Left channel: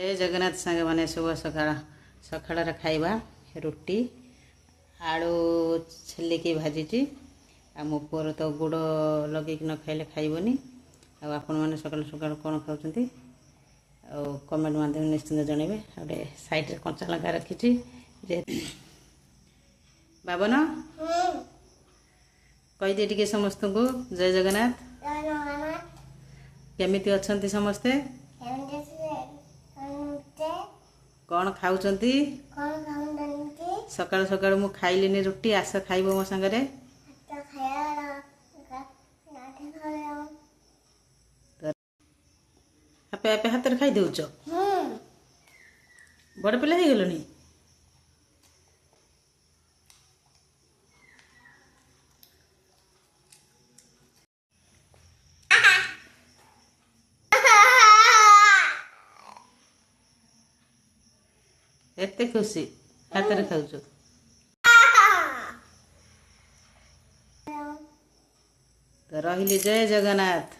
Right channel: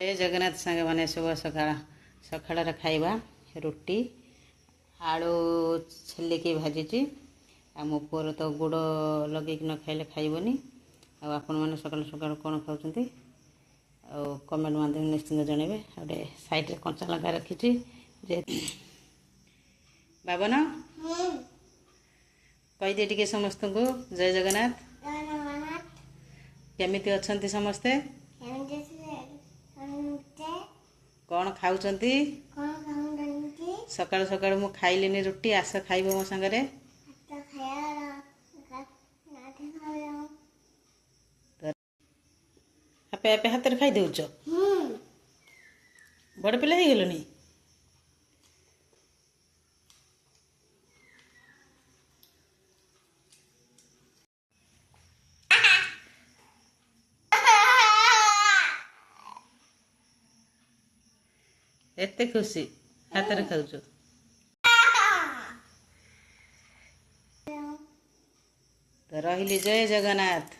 जय जगन्नाथ सांगे मैंने शुभ सकाळ सकाळ खाइबा रुटी आलू छेलिकी भाजी आ मो पुअर तो गुड़ लगे न खाइले खाइबनी आपण मैंने सकाल सकाल कौन खाऊँ कमेंट माध्यम निश्चिंत जनइबे गोटे साइड कंचा लंका रखी बाबन कहीदे टे समस्त को जय जगन्नाथ केमिति अछंती समस्ते कौन खाऊँ सकाल सकाल मु खाइलिनी रुटी आस खाइब मो सांगरे आपे आपे हाथ खाई देउच बड़ पिला हो गलनी एते खुशी हाथ खाऊ तो रही जय जगन्नाथ।